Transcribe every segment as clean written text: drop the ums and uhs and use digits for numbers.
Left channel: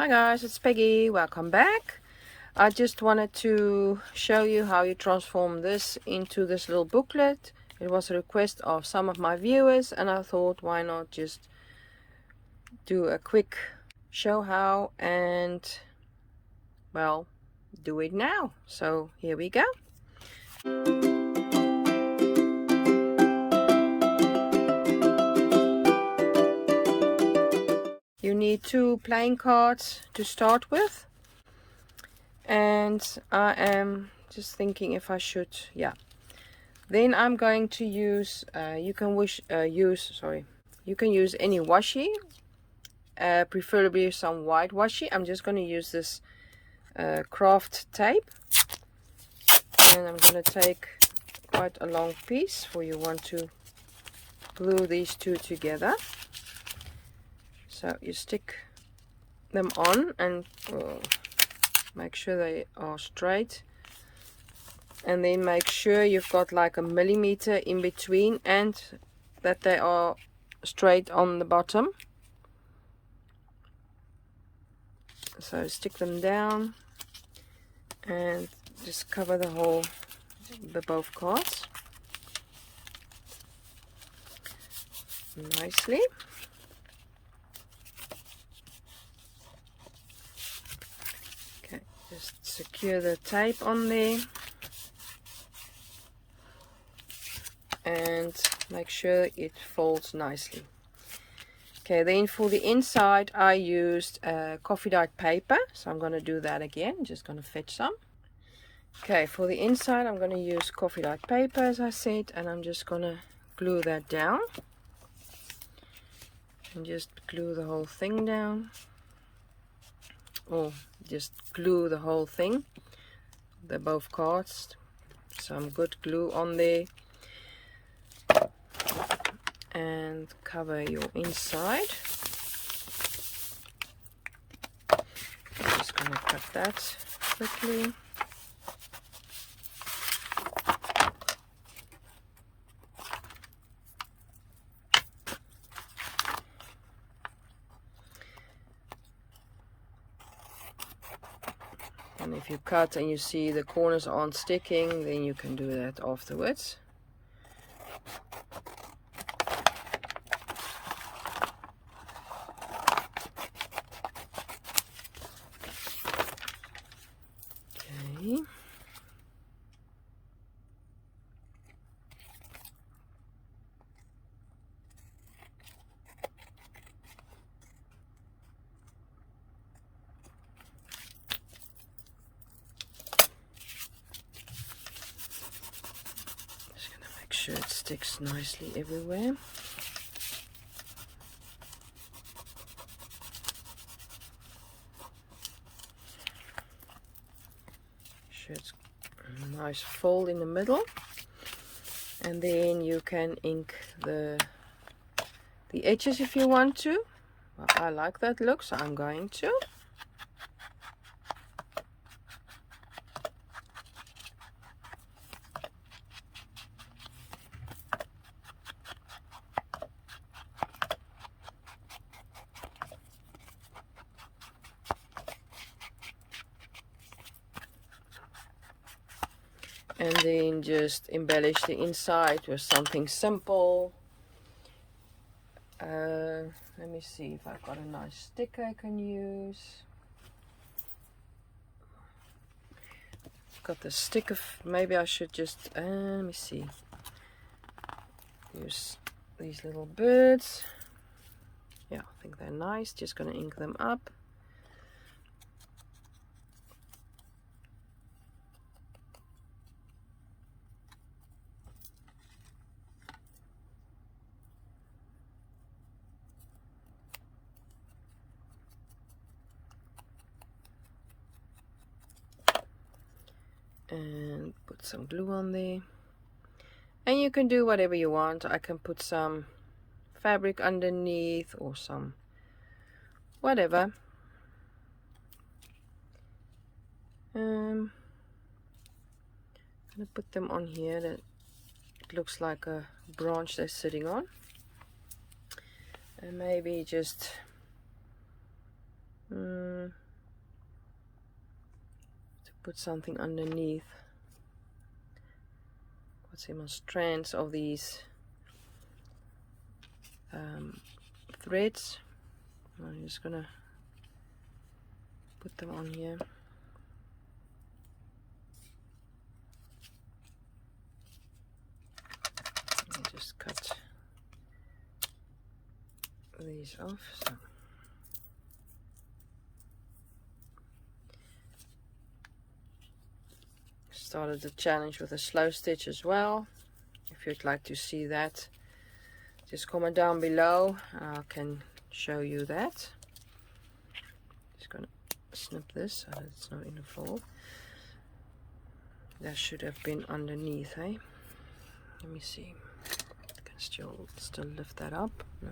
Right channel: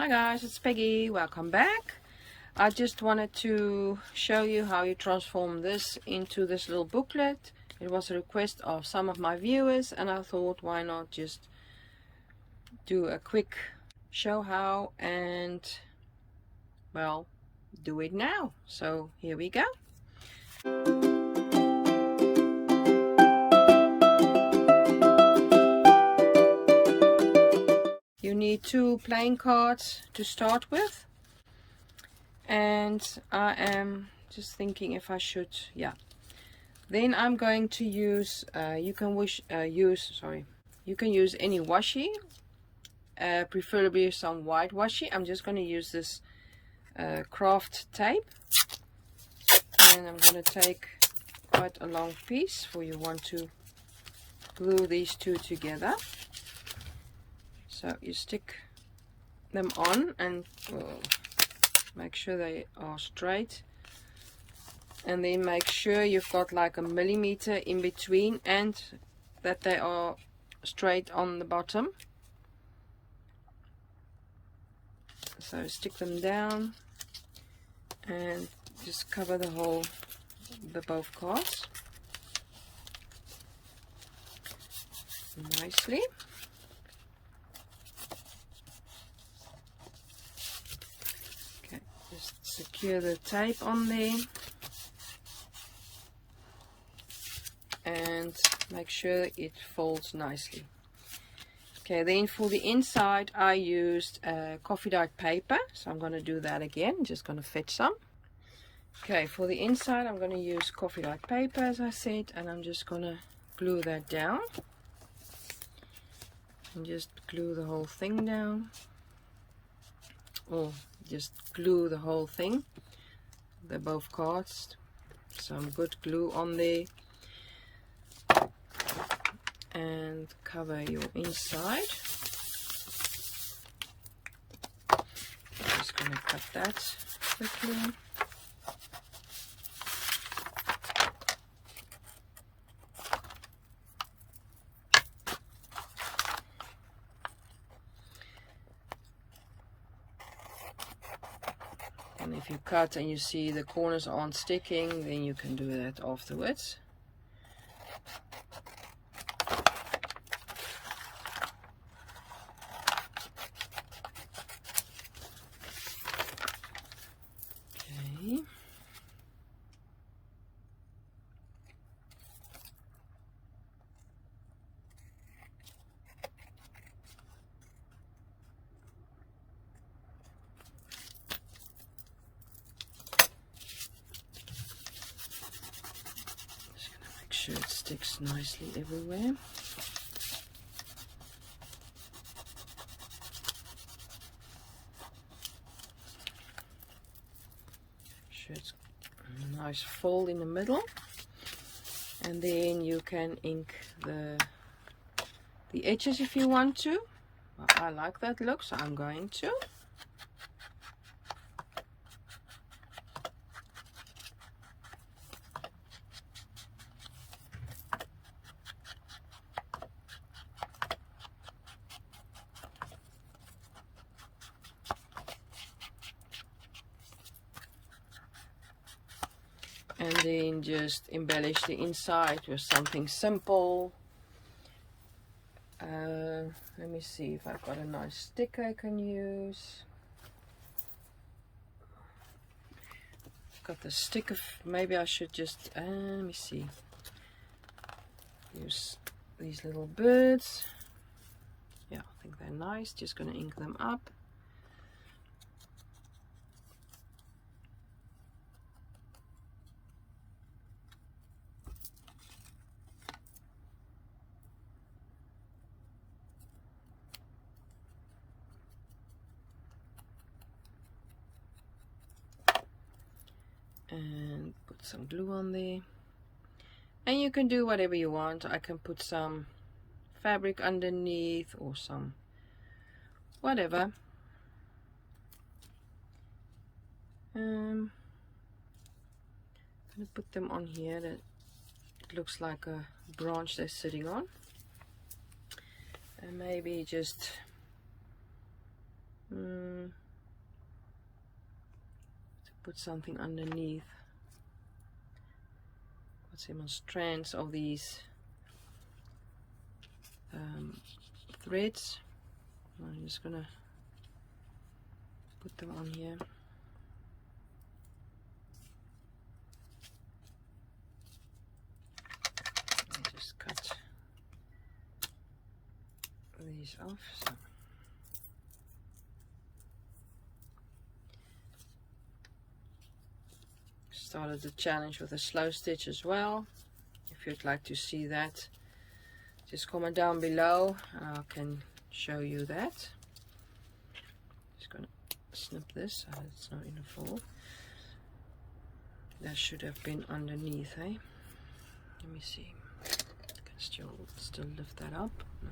Hi guys, it's Peggy. Welcome back. I just wanted to show you how you transform this into this little booklet. It was a request of some of my viewers and I thought why not just do a quick show how and well do it now. So here we go. You need 2 playing cards to start with, and I am just thinking if I should, yeah. Then I'm going to use, you can use any washi, preferably some white washi. I'm just going to use this craft tape, and I'm going to take quite a long piece for you want to glue these two together. So you stick them on and make sure they are straight, and then make sure you've got like a millimeter in between and that they are straight on the bottom. So stick them down and just cover both cards nicely. Okay, just secure the tape on there and make sure it folds nicely. Okay, then for the inside I used coffee dyed paper, so I'm going to do that again. Just going to fetch some. Okay, for the inside I'm going to use coffee dyed paper as I said, and I'm just going to glue that down and just glue the whole thing down, or just glue the whole thing, both cards. Some good glue on there and cover your inside. I'm just going to cut that quickly. And if you cut and you see the corners aren't sticking, then you can do that afterwards. Okay. Make sure it sticks nicely everywhere. Sure it's a nice fold in the middle, and then you can ink the edges if you want to. Well, I like that look, so I'm going to. And then just embellish the inside with something simple. Let me see if I've got a nice sticker I can use. Got the sticker. Maybe I should just let me see. Use these little birds. Yeah, I think they're nice. Just gonna ink them up. And put some glue on there, and you can do whatever you want. I can put some fabric underneath or some whatever. I'm gonna put them on here that it looks like a branch they're sitting on, and maybe just put something underneath. Got some strands of these threads. I'm just gonna put them on here. I just cut these off. So started the challenge with a slow stitch as well. If you'd like to see that, just comment down below. I can show you that. Just gonna snip this so it's not in the fold. That should have been underneath, eh? Let me see. I can still lift that up. No.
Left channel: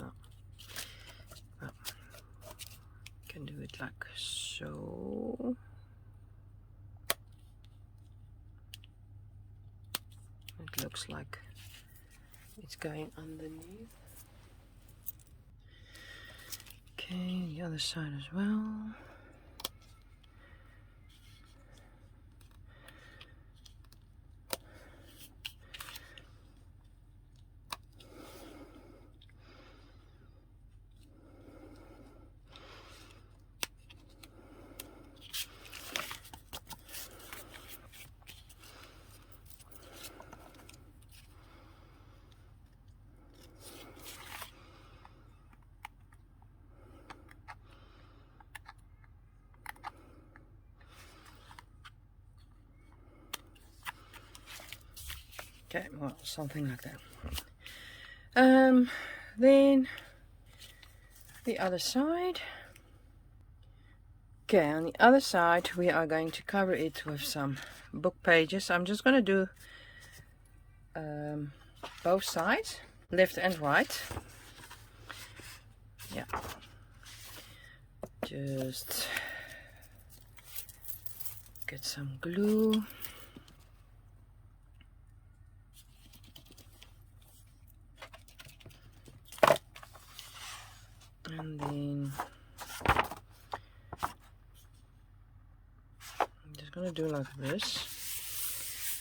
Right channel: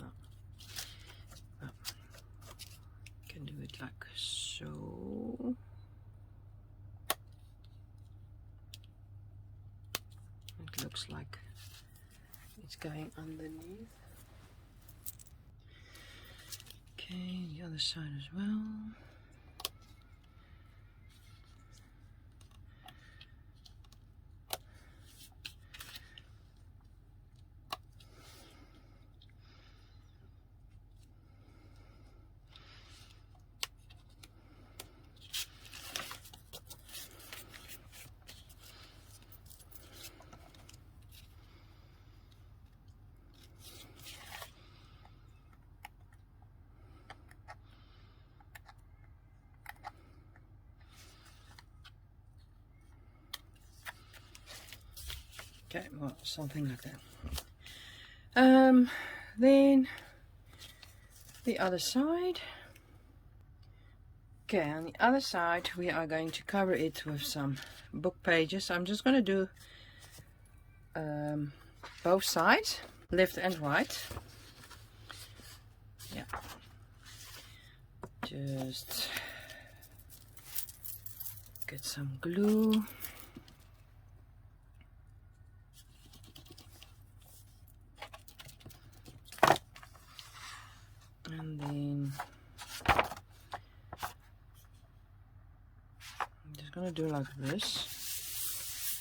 No. No. Can do it like so. It looks like it's going underneath. Okay, the other side as well. Okay, well, something like that. Then the other side. Okay, on the other side we are going to cover it with some book pages. I'm just going to do both sides, left and right. Yeah, just get some glue. And then I'm just gonna do like this.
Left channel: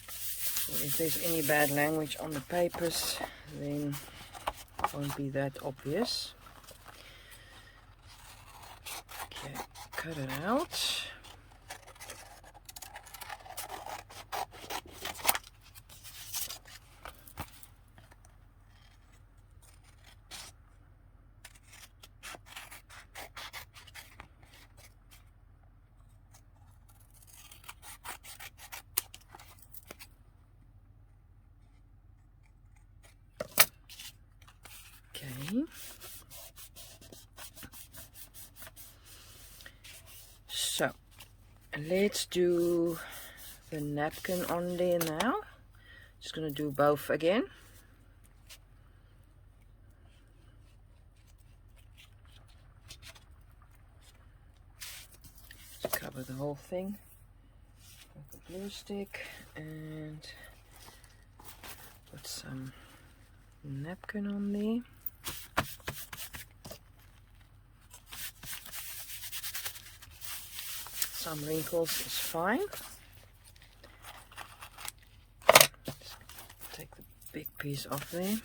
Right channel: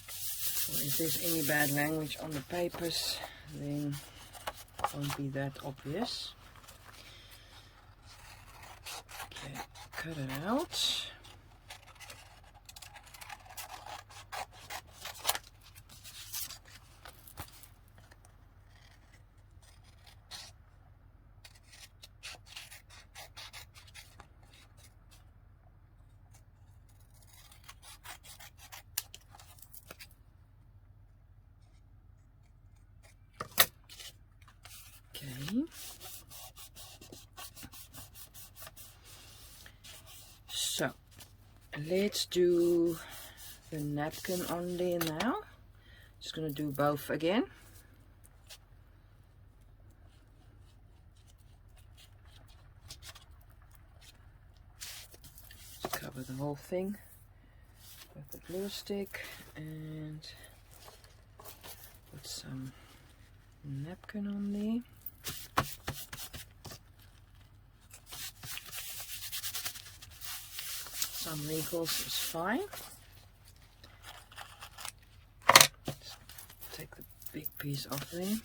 So if there's any bad language on the papers, then it won't be that obvious. Okay, cut it out. So let's do the napkin on there now. Just gonna do both again. Cover the whole thing with the glue stick and put some napkin on there. Some wrinkles is fine. Take the big piece off there.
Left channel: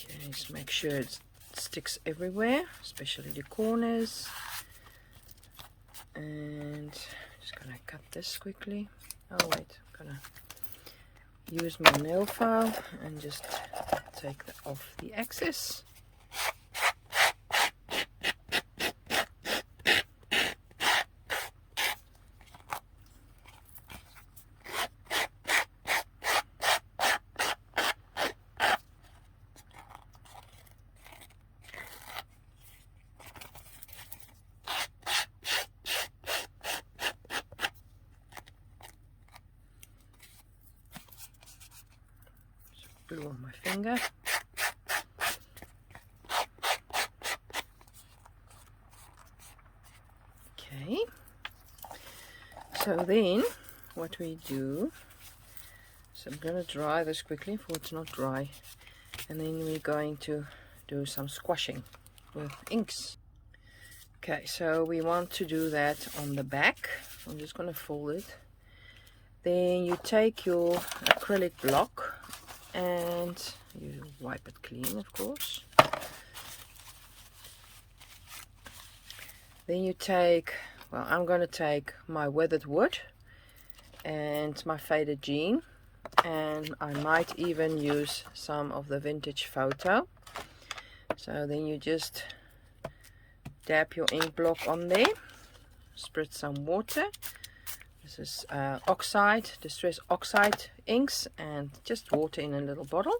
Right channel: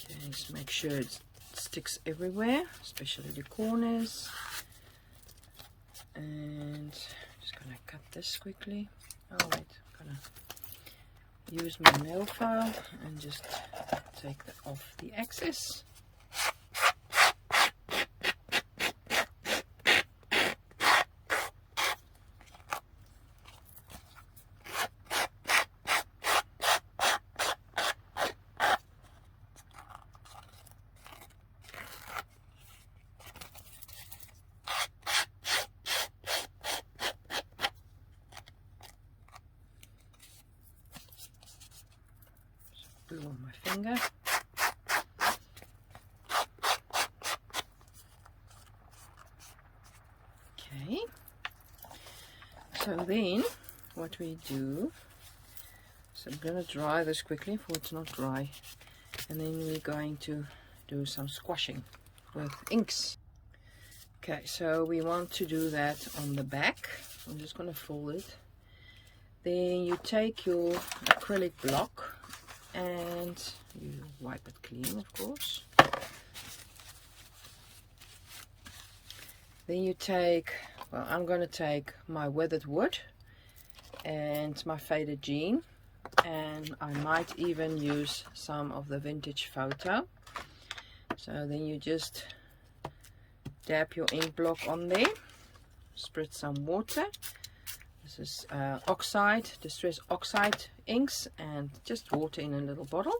Okay, just make sure it sticks everywhere, especially the corners. And just gonna cut this quickly. Oh wait, I'm gonna use my nail file and just take off the excess. Glue on my finger. Okay, so then what we do, so I'm going to dry this quickly for it's not dry And then we're going to do some squashing with inks. Okay, so we want to do that on the back. I'm just going to fold it. Then you take your acrylic block and you wipe it clean, of course. Then you take, well, I'm going to take my weathered wood and my faded jean, and I might even use some of the vintage photo. So then you just dab your ink block on there, spritz some water. This is oxide, distress oxide inks, and just water in a little bottle.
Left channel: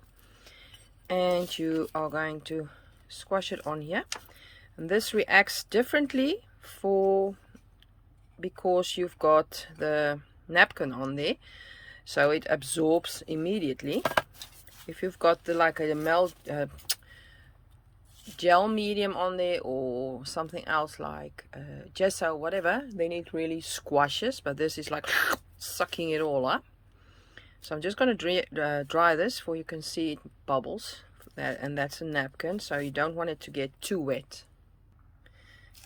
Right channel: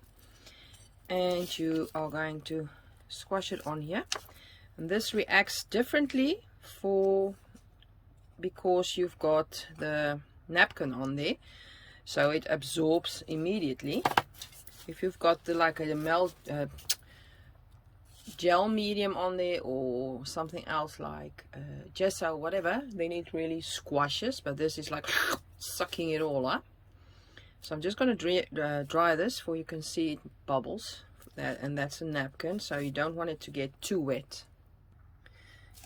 And you are going to squash it on here. And this reacts differently because you've got the napkin on there, so it absorbs immediately. If you've got like a gel medium on there or something else like gesso, whatever, then it really squashes, but this is like sucking it all up. So I'm just going to dry this for you can see it bubbles, and that's a napkin, so you don't want it to get too wet.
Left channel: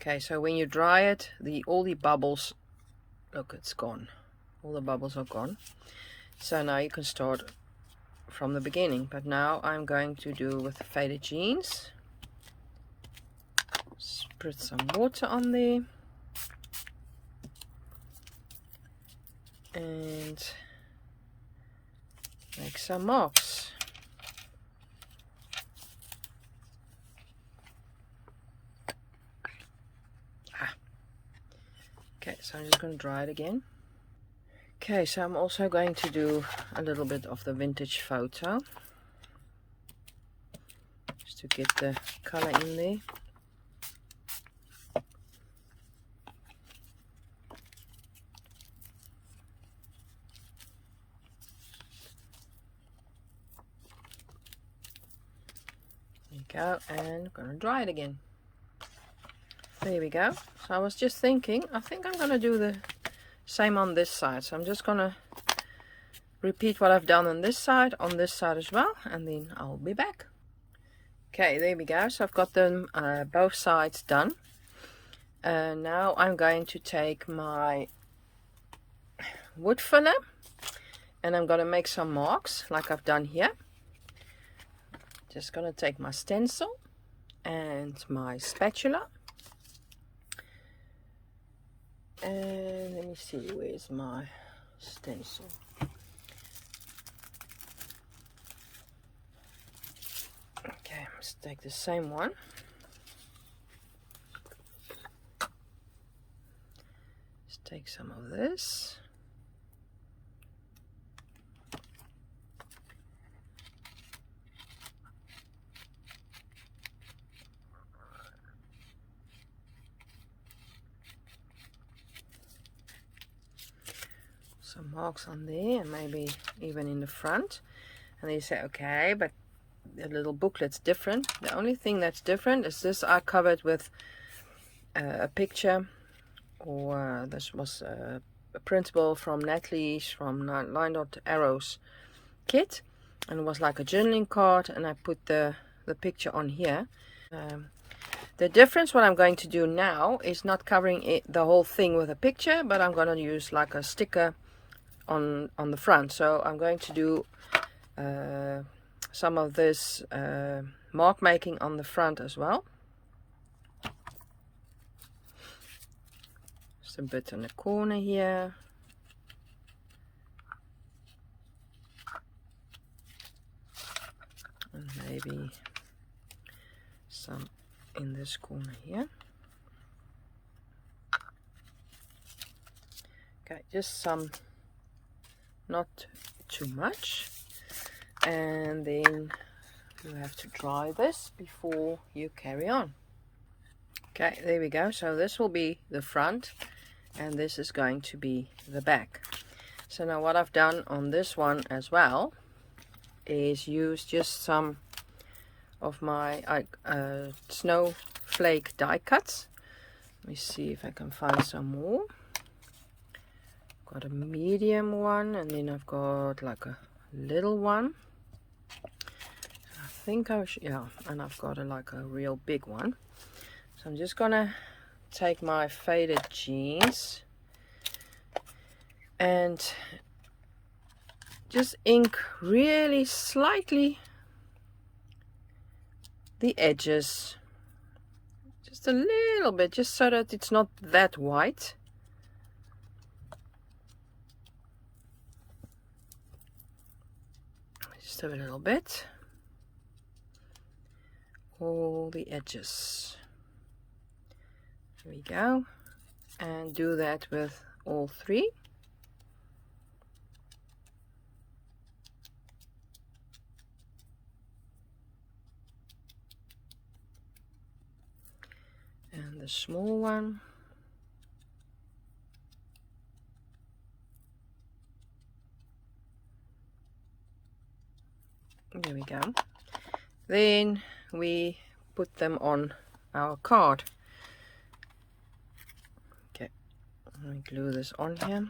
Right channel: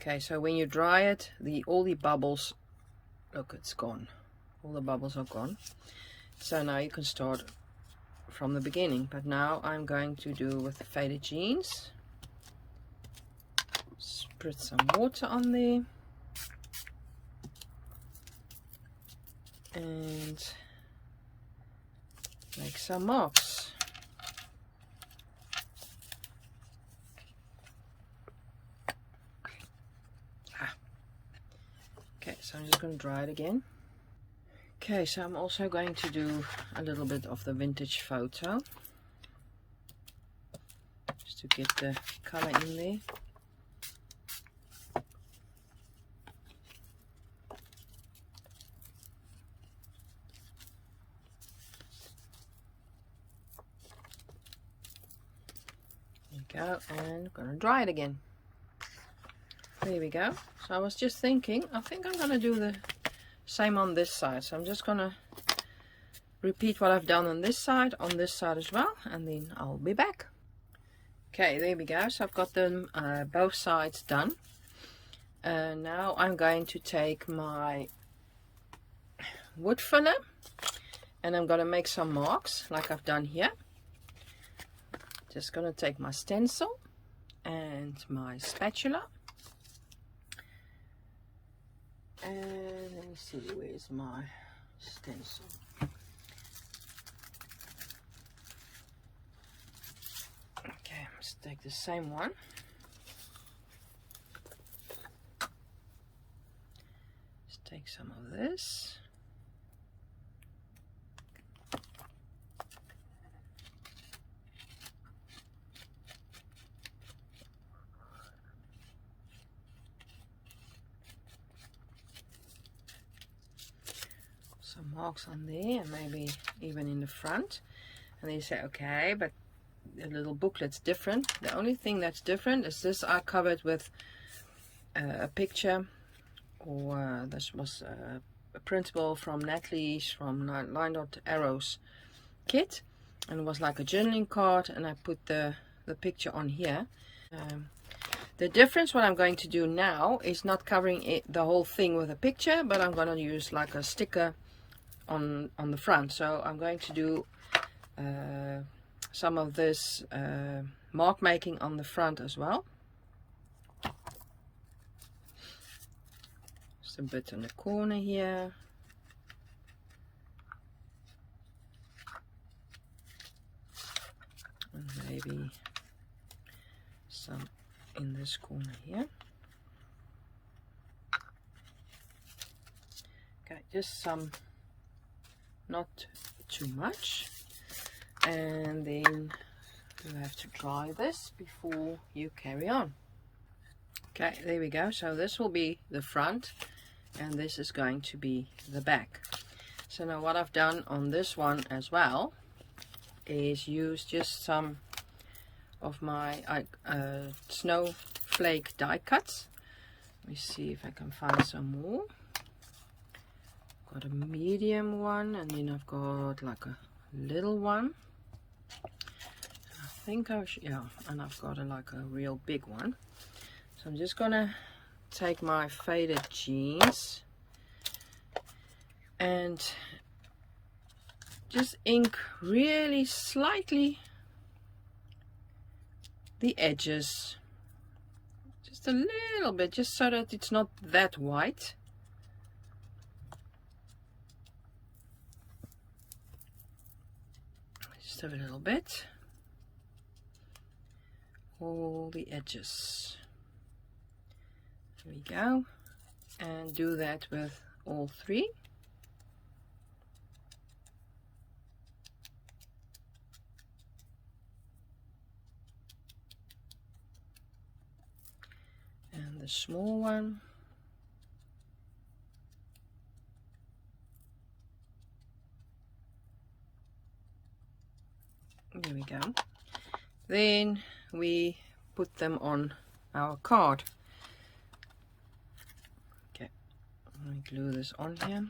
Okay, so when you dry it, all the bubbles, look, it's gone. All the bubbles are gone. So now you can start from the beginning. But now I'm going to do with the faded jeans. Spritz some water on there. And make some marks. Okay, so I'm just going to dry it again. Okay, so I'm also going to do a little bit of the vintage photo, just to get the color in there. There we go, and I'm going to dry it again. There we go. So I was just thinking, I think I'm going to do the same on this side. So I'm just going to repeat what I've done on this side as well, and then I'll be back. Okay, there we go. So I've got them both sides done. Now I'm going to take my wood filler and I'm going to make some marks like I've done here. Just going to take my stencil and my spatula. And let me see, where's my stencil? Okay, let's take the same one. Let's take some of this. Some marks on there, and maybe even in the front. And then you say, okay, but the little booklet's different. The only thing that's different is this I covered with a picture, or this was a printable from Natalie's from Line Dot Arrows kit, and it was like a journaling card, and I put the picture on here. The difference, what I'm going to do now is not covering the whole thing with a picture, but I'm going to use like a sticker on the front. So I'm going to do some of this mark making on the front as well. Just a bit in the corner here. And maybe some in this corner here. Okay, just some, not too much. And then you have to dry this before you carry on. Okay, there we go. So this will be the front and this is going to be the back. So now what I've done on this one as well is use just some of my snowflake die cuts. Let me see if I can find some more. Got a medium one, and then I've got like a little one. I think I should, yeah, and I've got like a real big one. So I'm just gonna take my faded jeans and just ink really slightly the edges, just a little bit, just so that it's not that white. Just a little bit, all the edges. There we go, and do that with all three. And the small one. There we go. Then we put them on our card. Okay, let me glue this on here.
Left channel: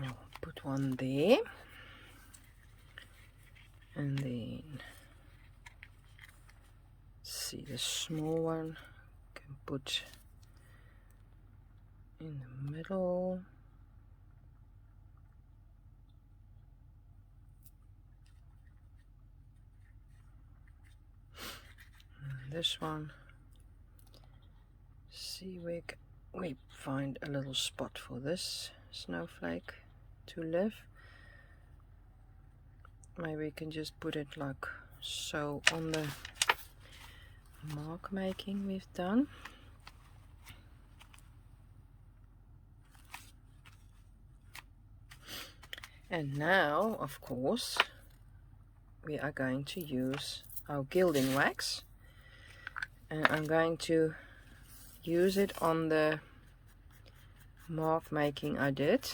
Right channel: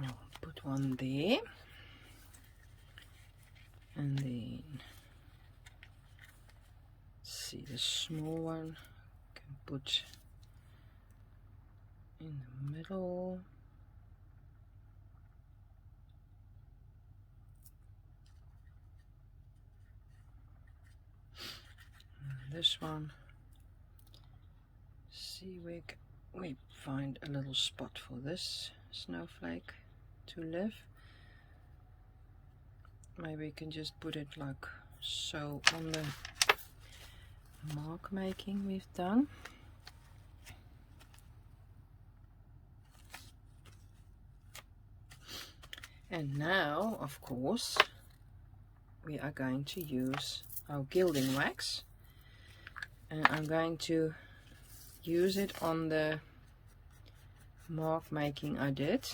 Now put one there, and then see the small one can put in the middle. And this one, see we find a little spot for this snowflake to live. Maybe we can just put it like so on the mark making we've done. And now, of course, we are going to use our gilding wax, and I'm going to use it on the mark making I did.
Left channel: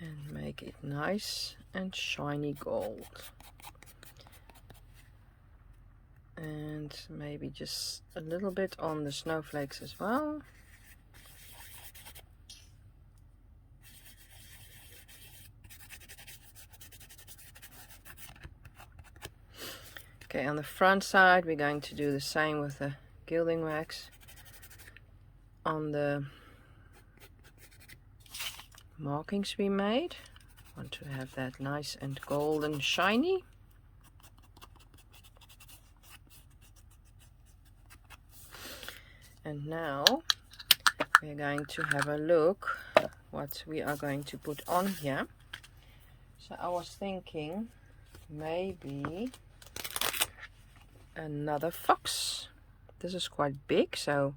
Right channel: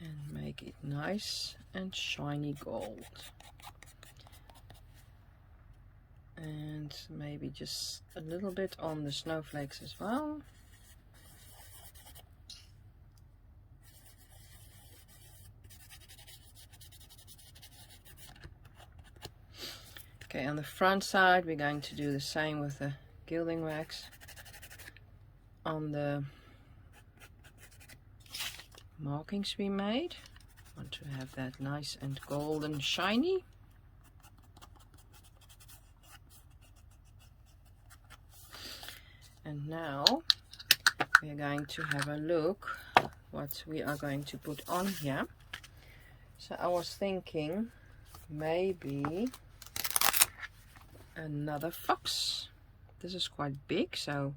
And make it nice and shiny gold. And maybe just a little bit on the snowflakes as well. Okay, on the front side we're going to do the same with the gilding wax. On the markings we made, I want to have that nice and golden shiny. And now we're going to have a look what we are going to put on here. So I was thinking maybe another fox. This is quite big, so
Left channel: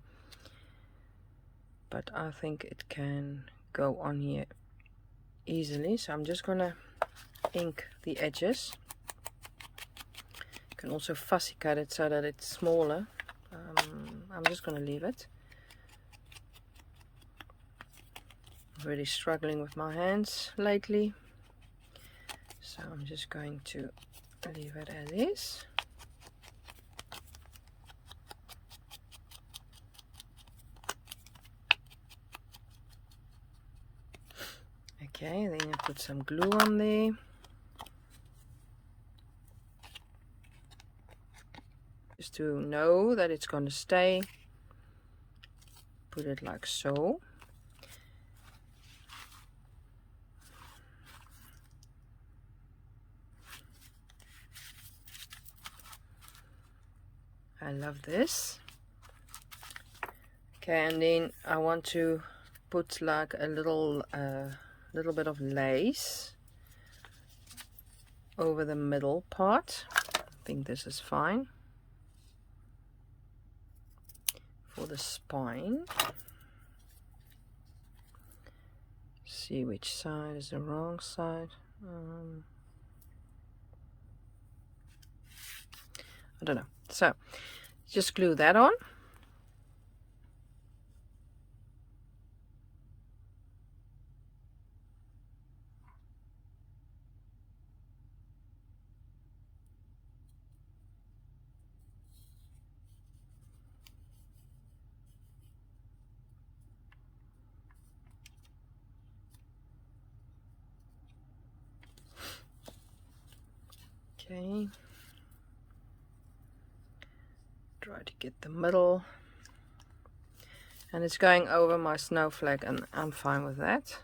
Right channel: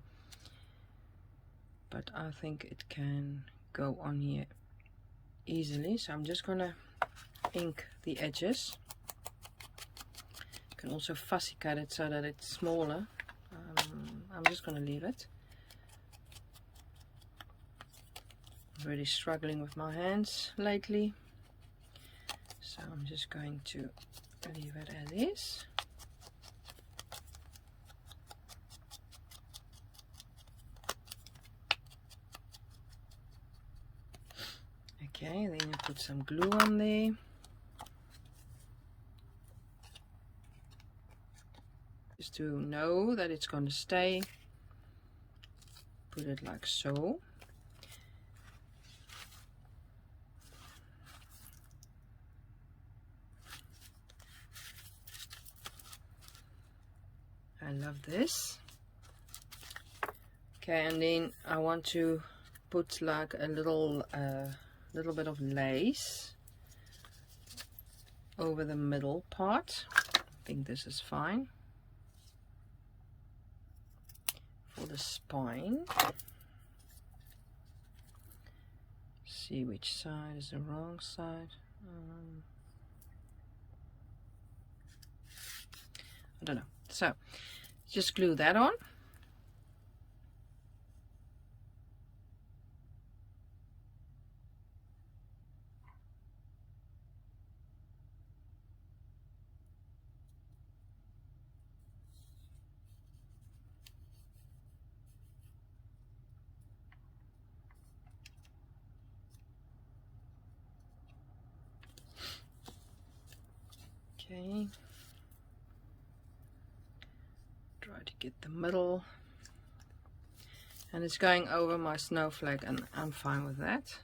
but I think it can go on here easily. So I'm just gonna ink the edges. You can also fussy cut it so that it's smaller. I'm just gonna leave it. I'm really struggling with my hands lately, so I'm just going to leave it as is. Okay, then I put some glue on there. Just to know that it's going to stay, put it like so. I love this. Okay, and then I want to put like a little bit of lace over the middle part. I think this is fine for the spine. see which side is the wrong side. I don't know. So just glue that on. Okay. Try to get the middle. And it's going over my snowflake, and I'm fine with that.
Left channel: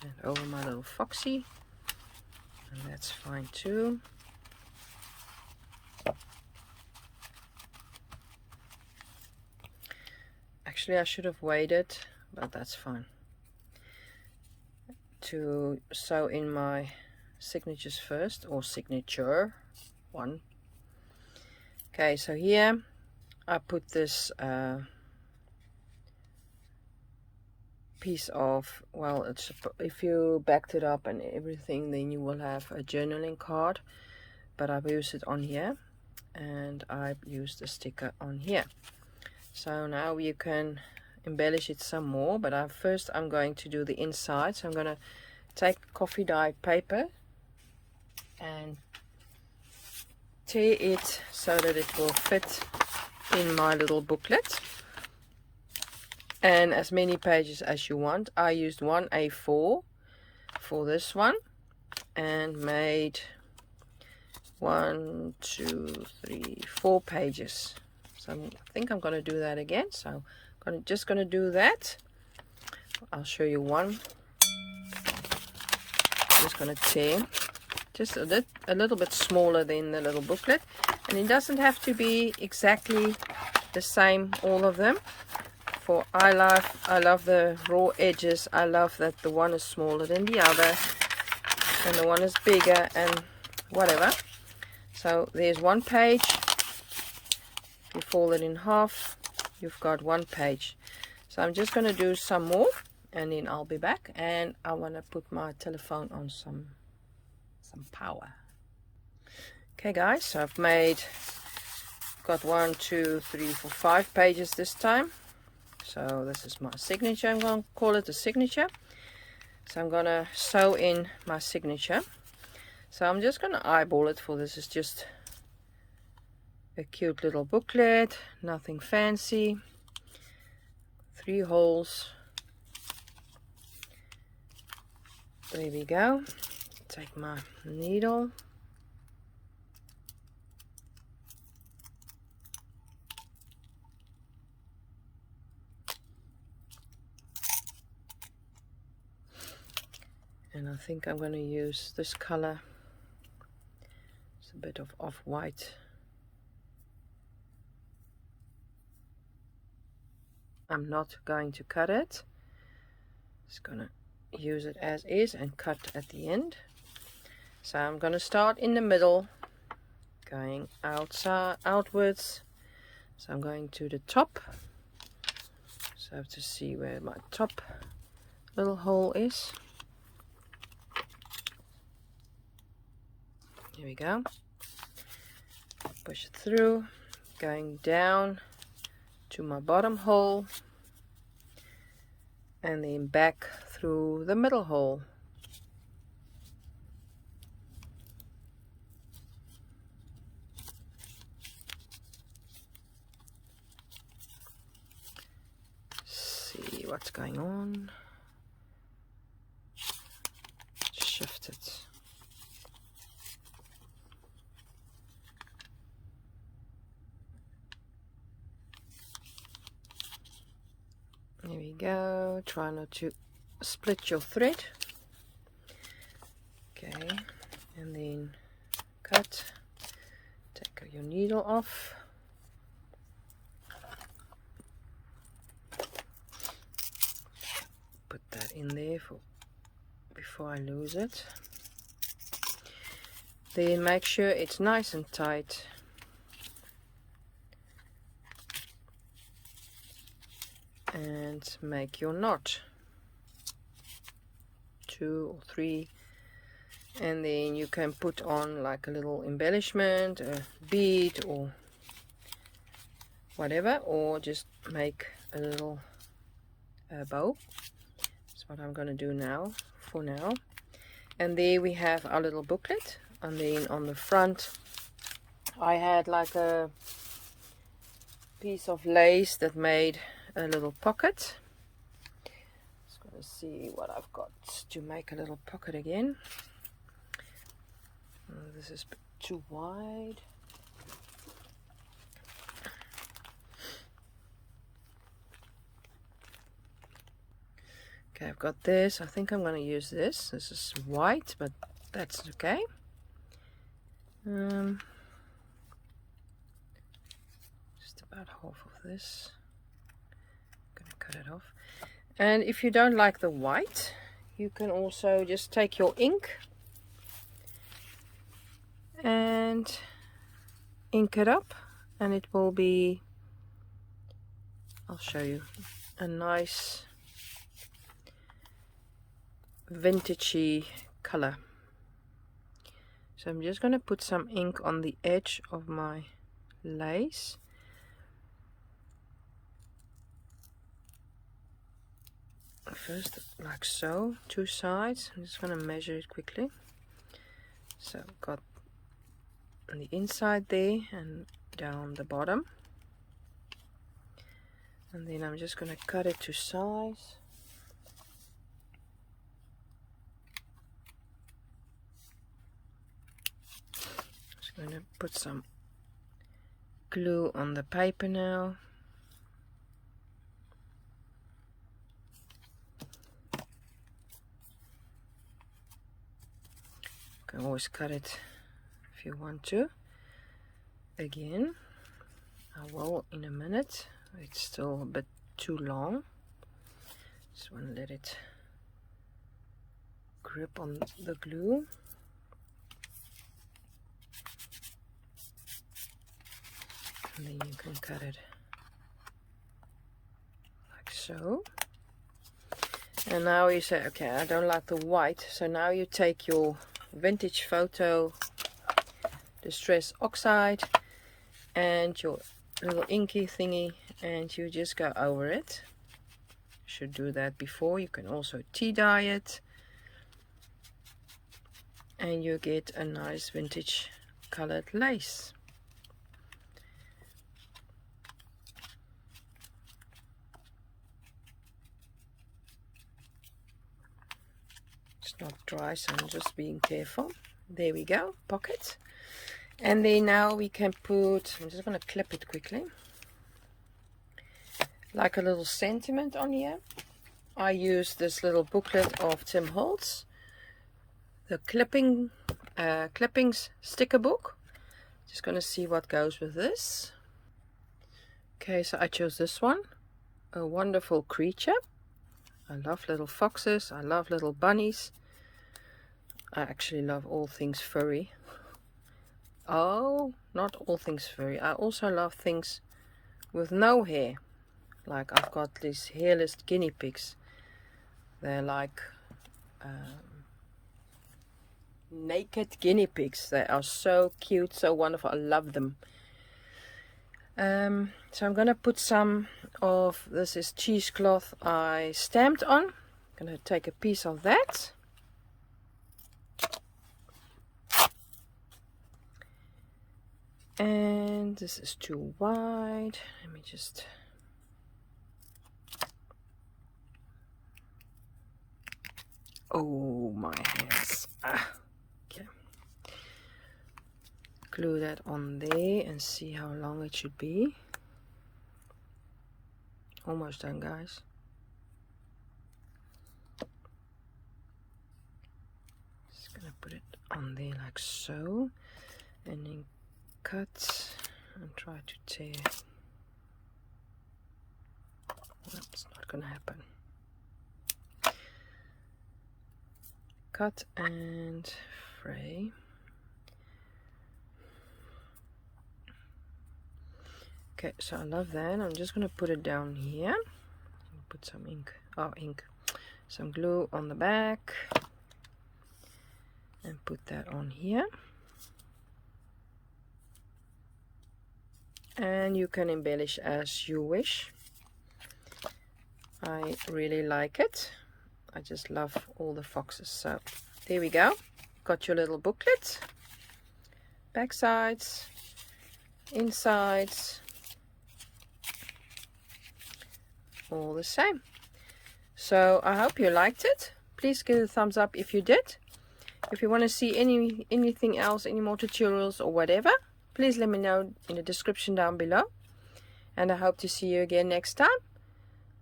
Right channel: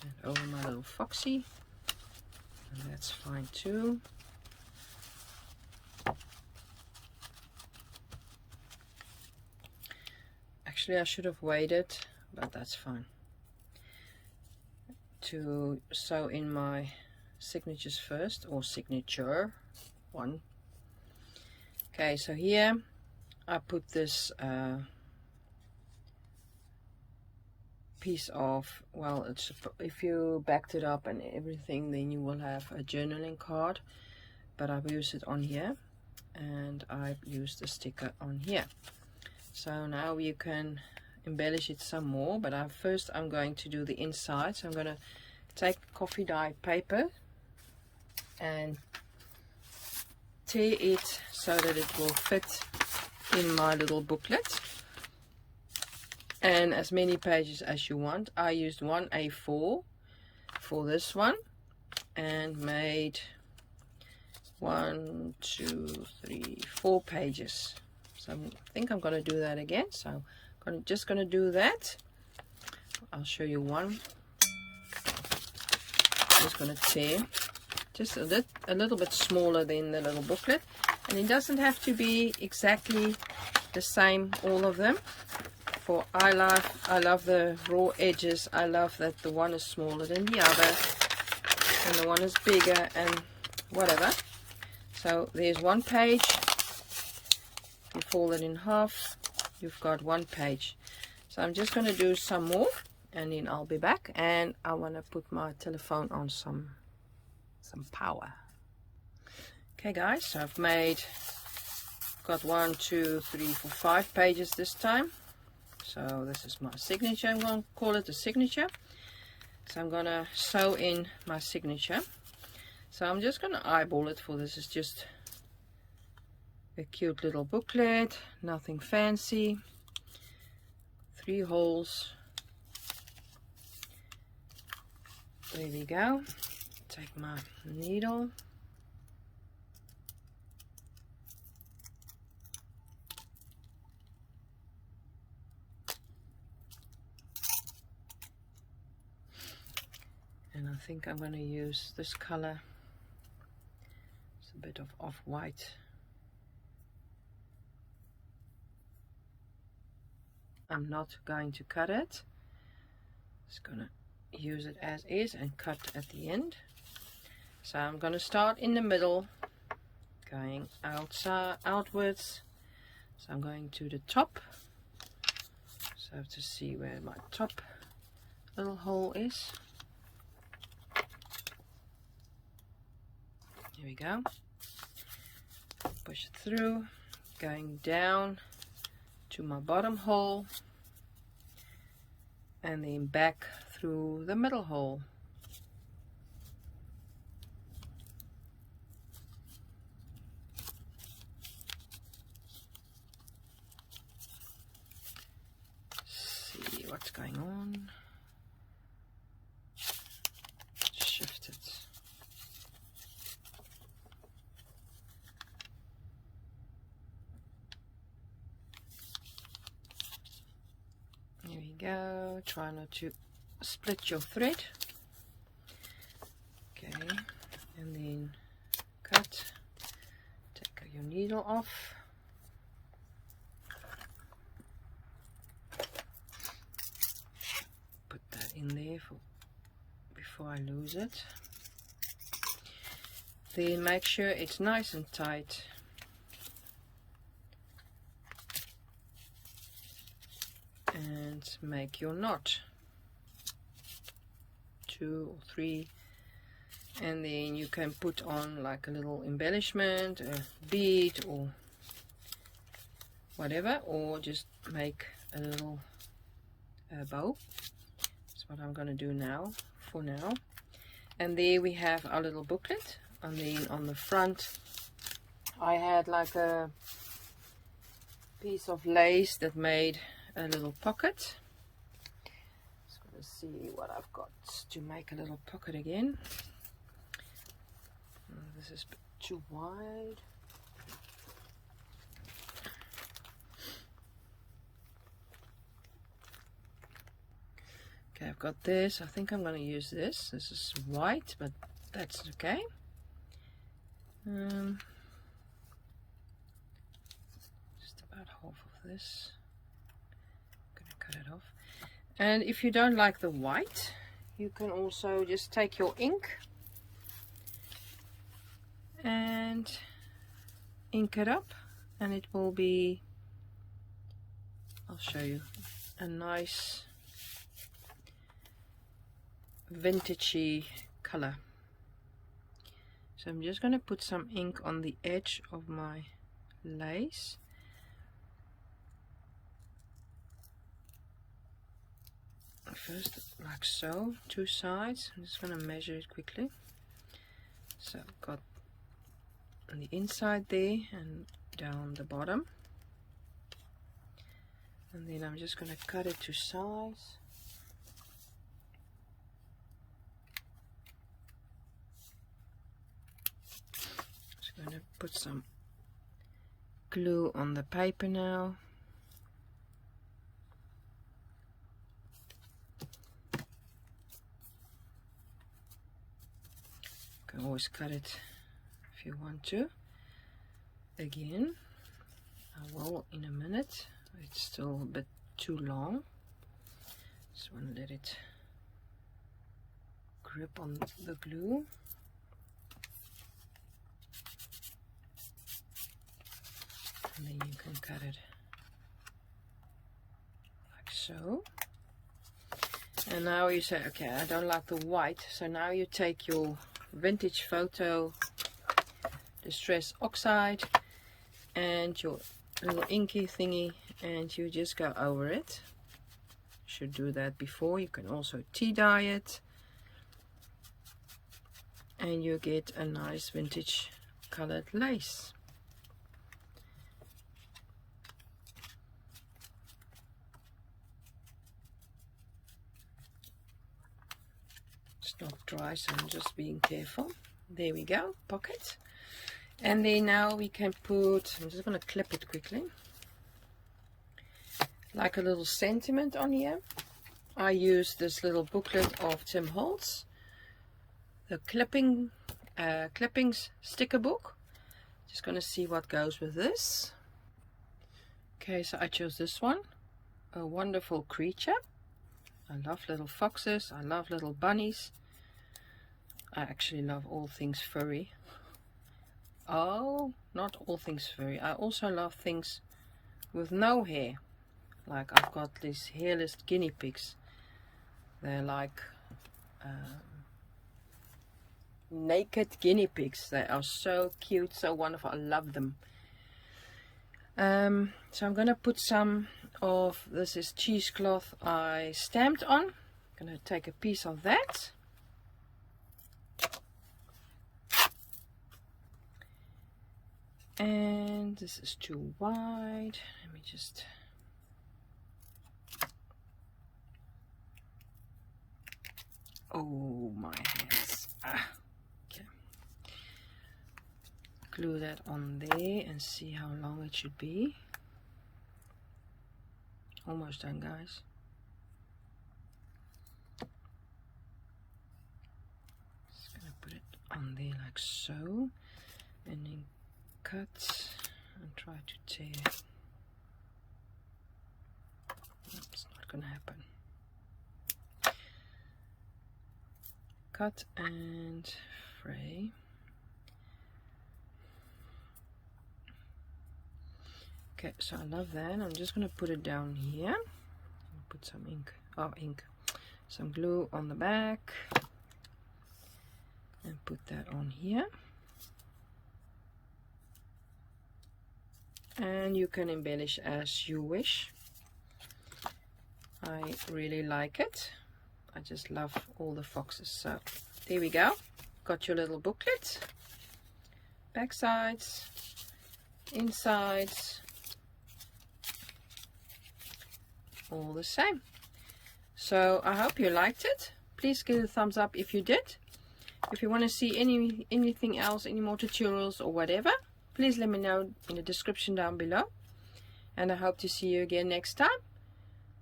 And over my little foxy. And that's fine too. Actually, I should have waited, but that's fine. To sew in my signatures first, or signature one. Okay, so here I put this piece of, well, it's, if you backed it up and everything, then you will have a journaling card, but I've used it on here, and I've used a sticker on here. So now you can embellish it some more, but first I'm going to do the inside. So I'm going to take coffee dye paper and tear it so that it will fit in my little booklet, and as many pages as you want. I used one A4 for this one and made 1, 2, 3, 4 pages. So I think I'm going to do that again. So I'm just going to do that. I'll show you one. I'm just going to tear just a little bit smaller than the little booklet, and it doesn't have to be exactly the same, all of them. For I love the raw edges. I love that the one is smaller than the other and the one is bigger and whatever. So there's one page. You fold it in half, you've got one page. So I'm just going to do some more, and then I'll be back, and I want to put my telephone on some power. Okay guys, so I've got 1, 2, 3, 4, 5 pages this time. So this is my signature. I'm going to call it a signature. So I'm going to sew in my signature. So I'm just going to eyeball it, for this is just a cute little booklet, nothing fancy. 3 holes. There we go. Take my needle. And I think I'm going to use this color. It's a bit of off-white. I'm not going to cut it. Just going to use it as is and cut at the end. So I'm going to start in the middle, going outwards. So I'm going to the top. So I have to see where my top little hole is. Here we go. Push it through, going down to my bottom hole, and then back through the middle hole. See what's going on. Shift it. There we go. Try not to split your thread. Okay, and then cut. Take your needle off. Put that in there before I lose it. Then make sure it's nice and tight. And make your knot. 2 or 3, and then you can put on like a little embellishment, a bead or whatever, or just make a little bow. That's what I'm going to do now, for now. And there we have our little booklet, and then on the front I had like a piece of lace that made a little pocket. Just going to see what I've got to make a little pocket again. This is a bit too wide. Okay, I've got this. I think I'm going to use this. This is white, but that's okay. Just about half of this. I'm going to cut it off. And if you don't like the white, you can also just take your ink and ink it up, and it will be, I'll show you, a nice vintagey color. So I'm just going to put some ink on the edge of my lace. First, like so, 2 sides. I'm just going to measure it quickly. So I've got on the inside there and down the bottom. And then I'm just going to cut it to size. Just going to put some glue on the paper now. You can always cut it if you want to. Again, I will in a minute. It's still a bit too long. Just want to let it grip on the glue. And then you can cut it like so. And now you say, okay, I don't like the white. So now you take your vintage photo distress oxide and your little inky thingy, and you just go over it. Should do that before. You can also tea dye it, and you get a nice vintage colored lace. It's not dry, so I'm just being careful. There we go, pocket. And then now we can put, I'm just going to clip it quickly, like a little sentiment on here. I use this little booklet of Tim Holtz, the clippings sticker book. Just going to see what goes with this. Okay, so I chose this one, A Wonderful Creature. I love little foxes, I love little bunnies. I actually love all things furry. Oh, not all things furry. I also love things with no hair. Like I've got these hairless guinea pigs. They're like naked guinea pigs. They are so cute, so wonderful. I love them. So I'm going to put some of, this is cheesecloth I stamped on. I'm going to take a piece of that. And this is too wide. Let me just... Oh, my hands. Okay. Glue that on there and see how long it should be. Almost done, guys. Just gonna put it on there like so. And then cut and try to tear. That's not gonna happen. Cut and fray. Okay, so I love that. I'm just gonna put it down here. Put some ink, some glue on the back. and put that on here. And you can embellish as you wish. I really like it. I just love all the foxes. So there we go. Got your little booklet. Back sides, insides, all the same. So I hope you liked it. Please give it a thumbs up if you did. If you want to see anything else, any more tutorials or whatever, please let me know in the description down below. And I hope to see you again next time.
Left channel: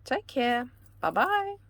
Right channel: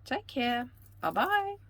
Take care. Bye bye.